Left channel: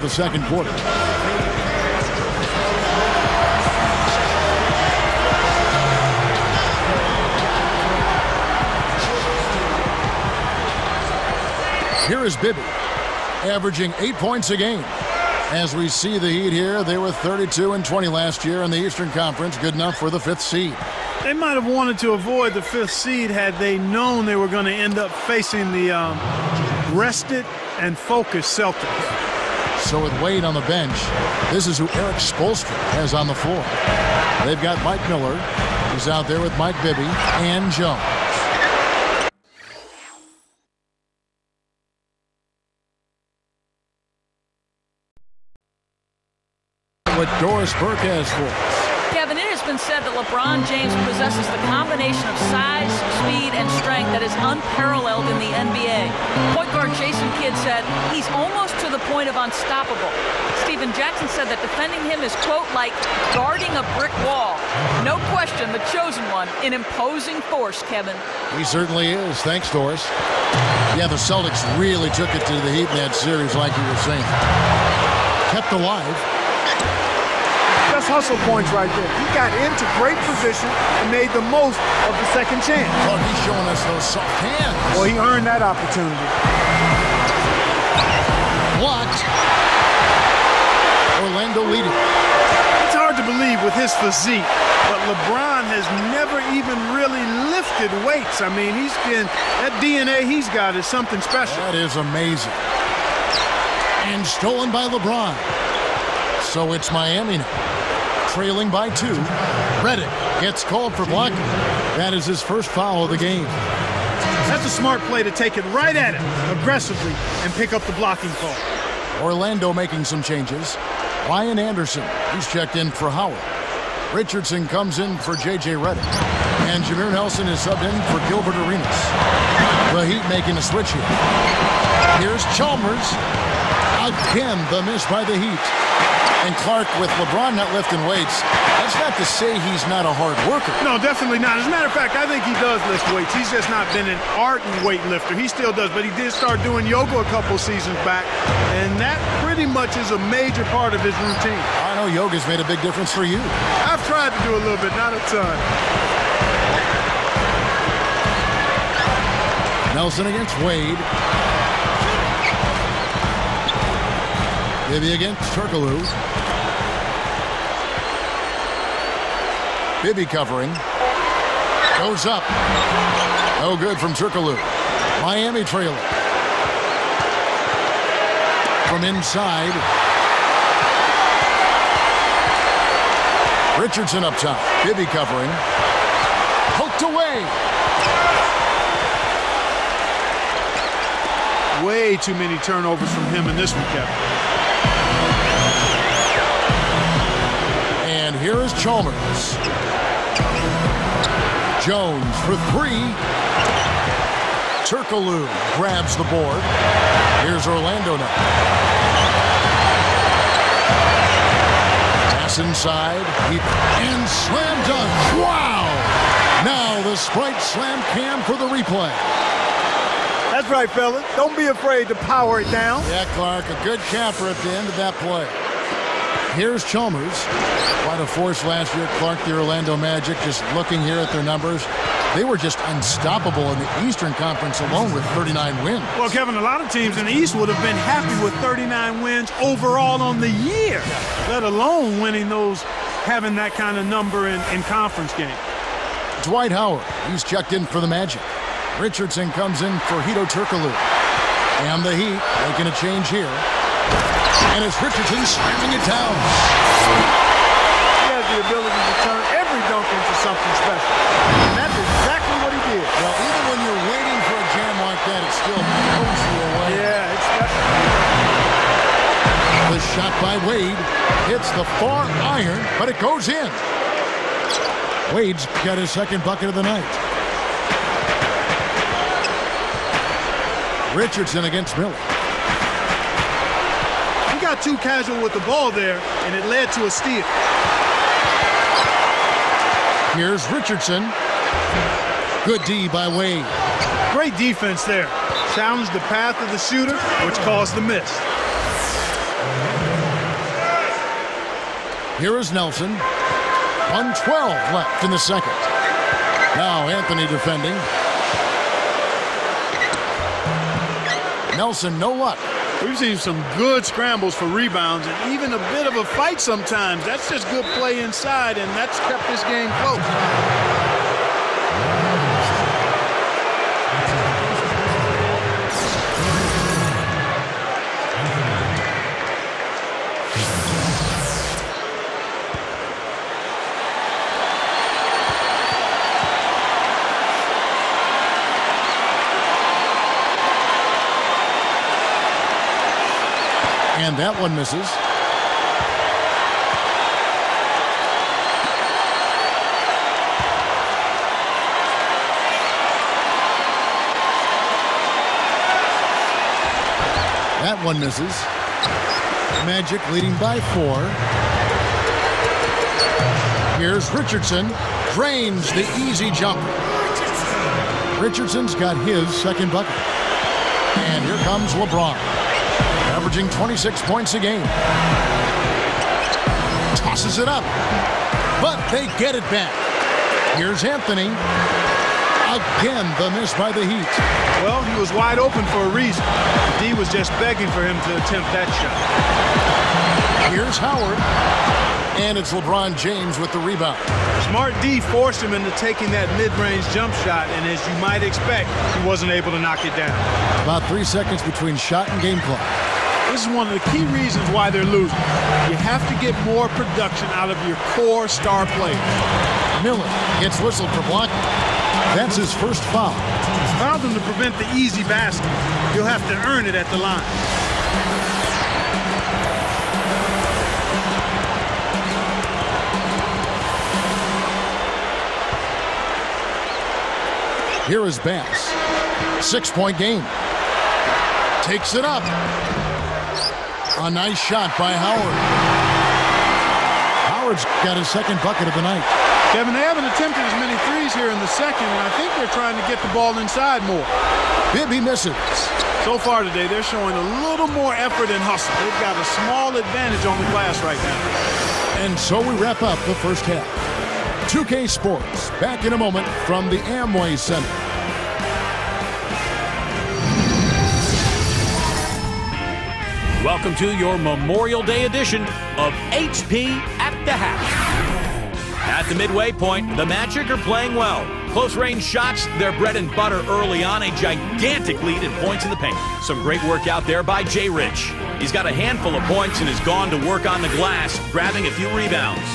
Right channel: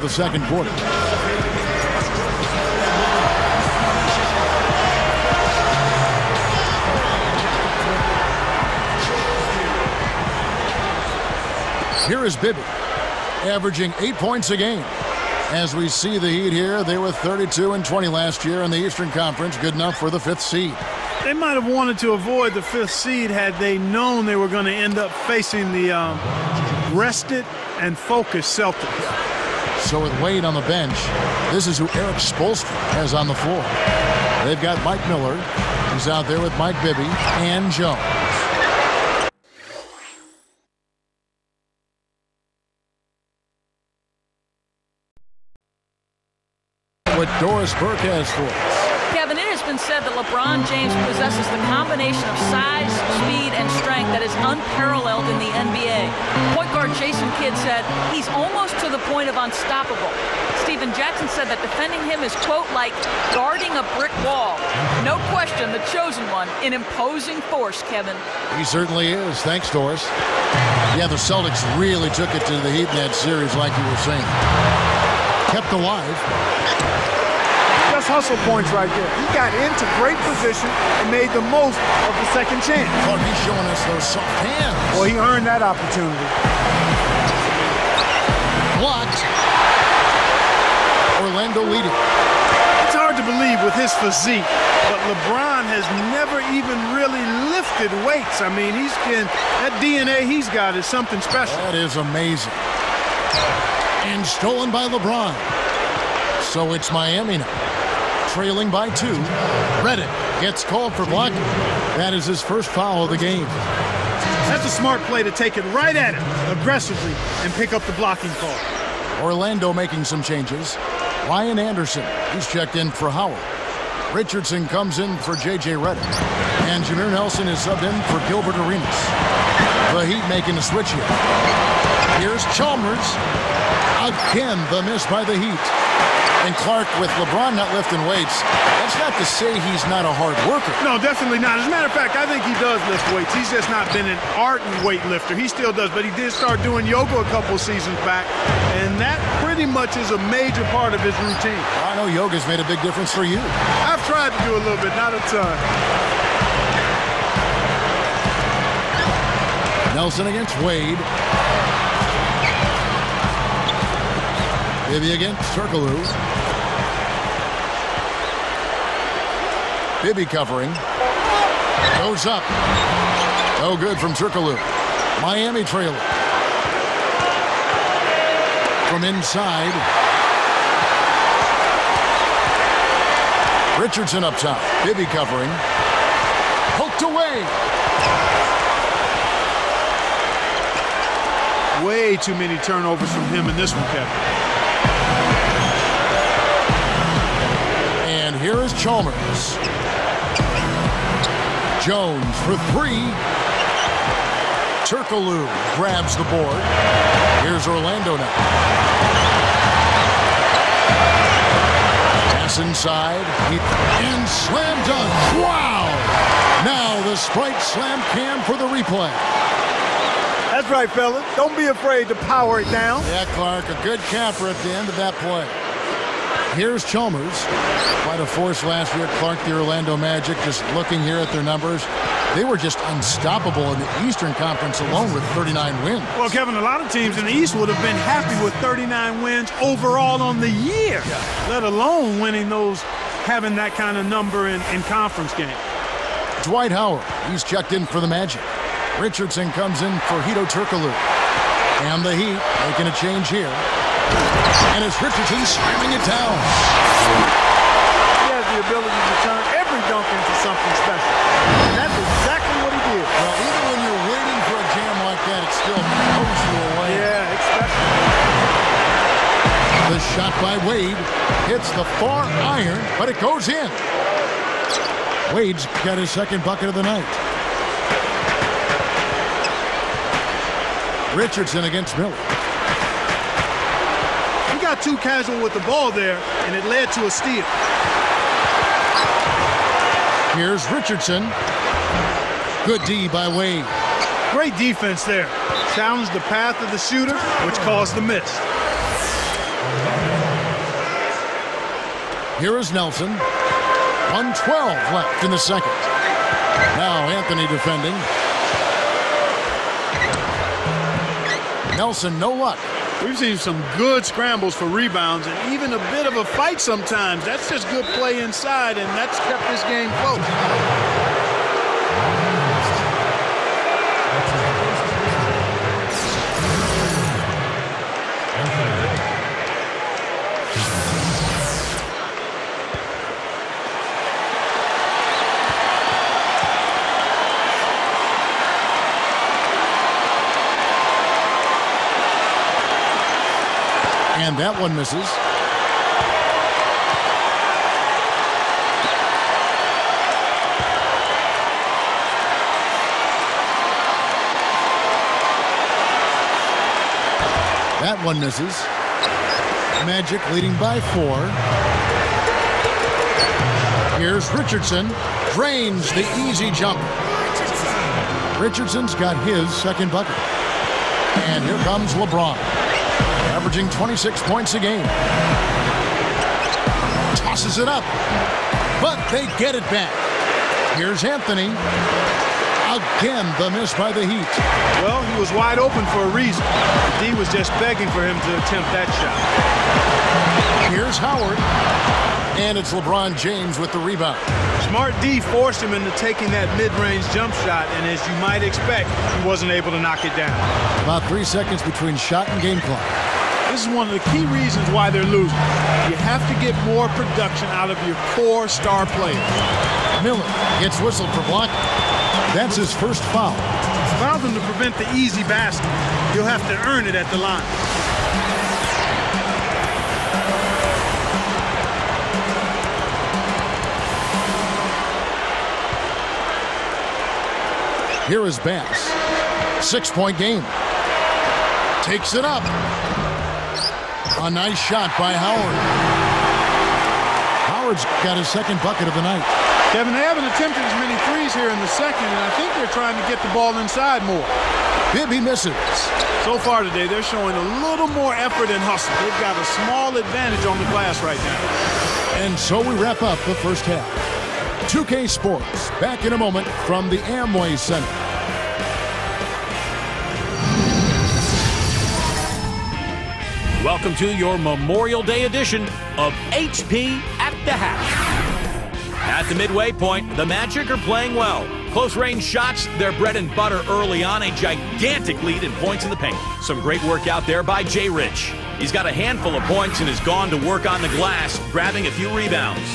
The second quarter. Here is Bibby, averaging 8 points a game. As we see the Heat here, they were 32-20 last year in the Eastern Conference, good enough for the 5th seed. They might have wanted to avoid the 5th seed had they known they were going to end up facing the rested and focused Celtics. Yeah. So with Wade on the bench, this is who Eric Spoelstra has on the floor. They've got Mike Miller. He's out there with Mike Bibby and Jones. What Doris Burke has for us. Kevin, it has been said that LeBron James possesses the combination of size, speed, and strength that is unparalleled in the NBA. Point guard Jason Kidd said he's almost to the point of unstoppable. Stephen Jackson said that defending him is, quote, like guarding a brick wall. No question, the chosen one, an imposing force, Kevin. He certainly is. Thanks, Doris. Yeah, the Celtics really took it to the Heat in that series, like you were saying. Kept alive. That's hustle points right there. He got into great position and made the most of the second chance. Clark, he's showing us those soft hands. Well, he earned that opportunity. Blocked. Orlando leading. It's hard to believe with his physique, but LeBron has never even really lifted weights. I mean, that DNA he's got is something special. That is amazing. And stolen by LeBron. So it's Miami now. Trailing by 2. Redick gets called for blocking. That is his first foul of the game. That's a smart play to take it right at him aggressively and pick up the blocking call. Orlando making some changes. Ryan Anderson, he's checked in for Howard. Richardson comes in for J.J. Redick. And Jameer Nelson is subbed in for Gilbert Arenas. The Heat making a switch here. Here's Chalmers. Again, the miss by the Heat. And Clark, with LeBron not lifting weights, that's not to say he's not a hard worker. No, definitely not. As a matter of fact, I think he does lift weights. He's just not been an ardent weightlifter. He still does, but he did start doing yoga a couple seasons back, and that pretty much is a major part of his routine. I know yoga's made a big difference for you. I've tried to do a little bit, not a ton. Nelson against Wade. Bibby against Turkoglu. Bibby covering. Goes up. No good from Turkoglu. Miami trailing. From inside. Richardson up top. Bibby covering. Poked away. Way too many turnovers from him in this one, Kevin. And here is Chalmers. Jones for 3. Turkoglu grabs the board. Here's Orlando now. Pass inside. And slam dunk. Wow! Now the Sprite slam cam for the replay. That's right, fella. Don't be afraid to power it down. Yeah, Clark, a good capper at the end of that play. Here's Chalmers. Quite a force last year, Clark, the Orlando Magic. Just looking here at their numbers, they were just unstoppable in the Eastern Conference alone with 39 wins. Well, Kevin, a lot of teams in the East would have been happy with 39 wins overall on the year, let alone winning those, having that kind of number in conference game. Dwight Howard, he's checked in for the Magic. Richardson comes in for Hedo Turkoglu. And the Heat making a change here. And it's Richardson slamming it down. He has the ability to turn every dunk into something special. And that's exactly what he did. Well, even when you're waiting for a jam like that, it still blows you away. Yeah, it's special. The shot by Wade hits the far iron, but it goes in. Wade's got his second bucket of the night. Richardson against Miller. He got too casual with the ball there, and it led to a steal. Here's Richardson. Good D by Wade. Great defense there. Challenged the path of the shooter, which caused the miss. Here is Nelson. 1:12 left in the second. Now Anthony defending. Nelson, no luck. We've seen some good scrambles for rebounds and even a bit of a fight sometimes. That's just good play inside, and that's kept this game close. And that one misses. That one misses. Magic leading by 4. Here's Richardson. Drains the easy jumper. Richardson's got his second bucket. And here comes LeBron, averaging 26 points a game. Tosses it up, but they get it back. Here's Anthony. Again, the miss by the Heat. Well, he was wide open for a reason. D was just begging for him to attempt that shot. Here's Howard, and it's LeBron James with the rebound. Smart D forced him into taking that mid-range jump shot, and as you might expect, he wasn't able to knock it down. About 3 seconds between shot and game clock. This is one of the key reasons why they're losing. You have to get more production out of your core star players. Miller gets whistled for blocking. That's his first foul. Fouled him to prevent the easy basket. You'll have to earn it at the line. Here is Bass. 6-point game. Takes it up. A nice shot by Howard. Howard's got his second bucket of the night. Kevin, they haven't attempted as many threes here in the second, and I think they're trying to get the ball inside more. Bibby misses. So far today, they're showing a little more effort and hustle. They've got a small advantage on the glass right now. And so we wrap up the first half. 2K Sports, back in a moment from the Amway Center. Welcome to your Memorial Day edition of HP at the Half. At the midway point, the Magic are playing well. Close-range shots, their bread and butter early on, a gigantic lead in points in the paint. Some great work out there by Jay Rich. He's got a handful of points and has gone to work on the glass, grabbing a few rebounds.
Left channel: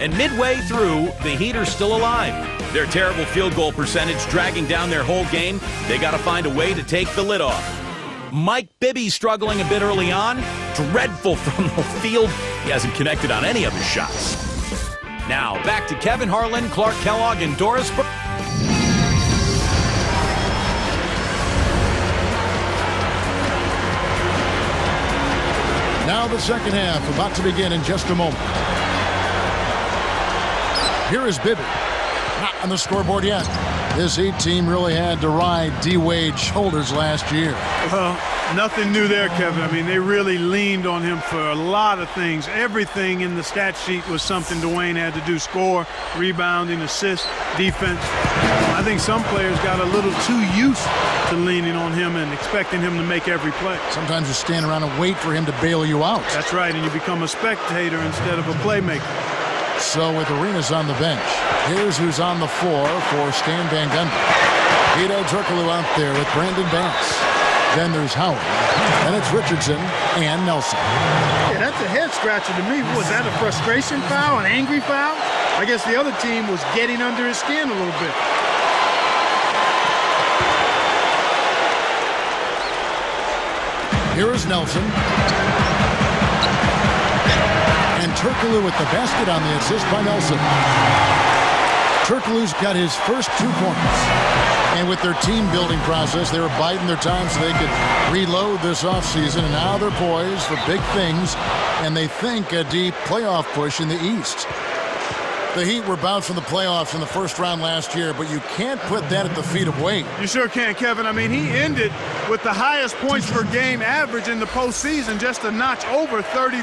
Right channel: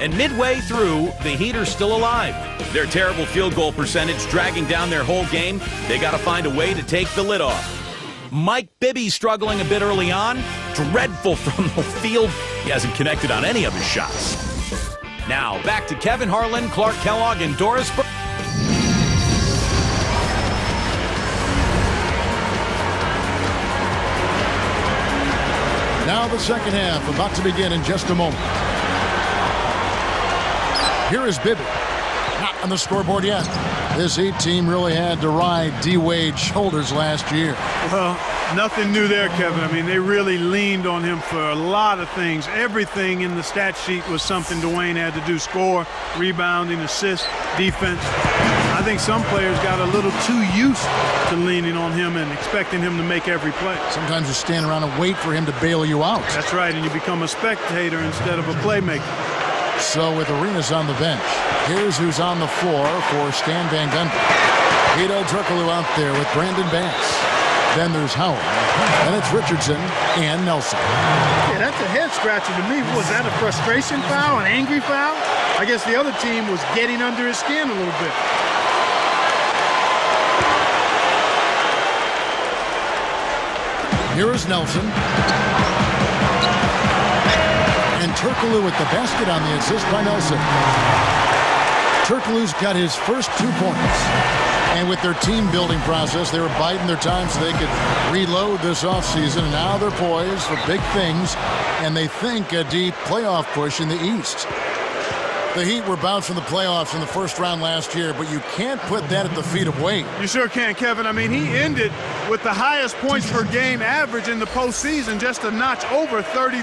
And midway through, the Heat are still alive. Their terrible field goal percentage dragging down their whole game. They got to find a way to take the lid off. Mike Bibby struggling a bit early on. Dreadful from the field. He hasn't connected on any of his shots. Now, back to Kevin Harlan, Clark Kellogg, and Doris Burke. Now the second half about to begin in just a moment. Here is Bibby. Not on the scoreboard yet. This Heat team really had to ride D-Wade's shoulders last year. Well, nothing new there, Kevin. I mean, they really leaned on him for a lot of things. Everything in the stat sheet was something Dwayne had to do. Score, rebounding, assist, defense. I think some players got a little too used to leaning on him and expecting him to make every play. Sometimes you stand around and wait for him to bail you out. That's right, and you become a spectator instead of a playmaker. So with Arenas on the bench, here's who's on the floor for Stan Van Gundy. Hedo Turkoglu out there with Brandon Bass. Then there's Howard. Then it's Richardson and Nelson. Yeah, that's a head scratcher to me. Was that a frustration foul, an angry foul? I guess the other team was getting under his skin a little bit. Here is Nelson. And Turkoglu with the basket on the assist by Nelson. Turkoglu's got his first 2 points. And with their team-building process, they were biding their time so they could reload this offseason. And now they're poised for big things, and they think a deep playoff push in the East. The Heat were bounced from the playoffs in the first round last year, but you can't put that at the feet of Wade. You sure can, Kevin. I mean, he ended with the highest points per game average in the postseason, just a notch over 33.